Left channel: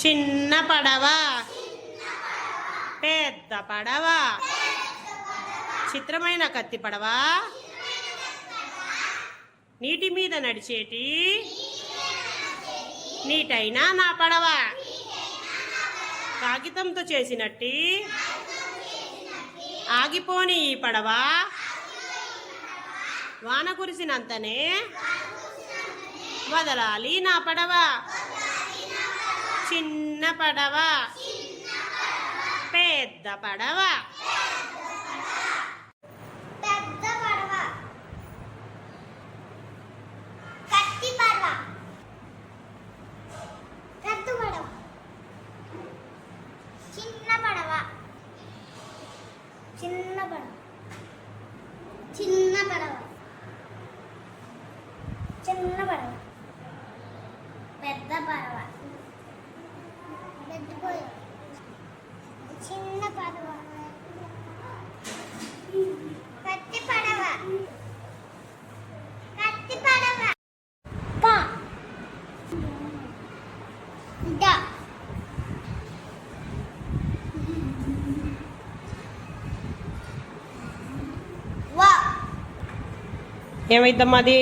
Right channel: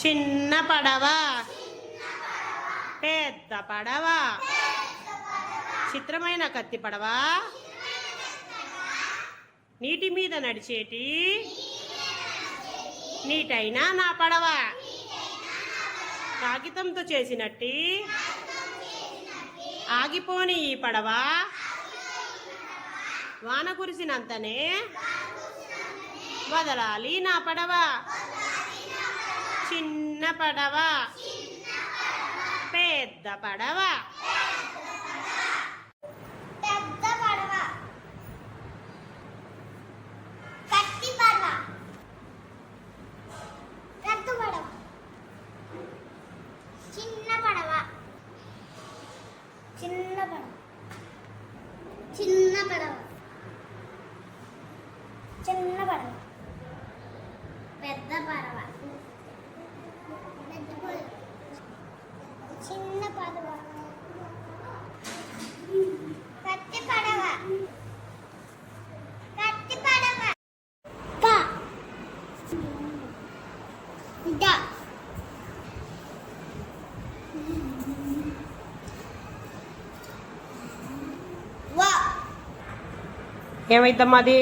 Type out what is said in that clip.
చిన్న పడవ, పెద్ద పడవ, చిత్రమైన కత్తి పడవ, నీటి మీద నడిచేటి నీటైనా నా పడవ, కాగితంతో చేసినట్టి ఆగిపోని ఈ పడవ, వాన కురిసినంతనే వదలాలి నా పడవ. చిన్న పడవ, పెద్ద పడవ. పెద్ద పడవ, కత్తి పడవ, పెద్ద పడవ, చిన్న పడవ, చిన్న పడవ, చిన్న పడవ, చిన్న పడవ, పెద్ద పడవ, పెద్ద పడవ, చిన్న పడవ, కత్తి పడవ, కత్తి పడవ, క డ వ. ఏమైద్దమ్మా అది?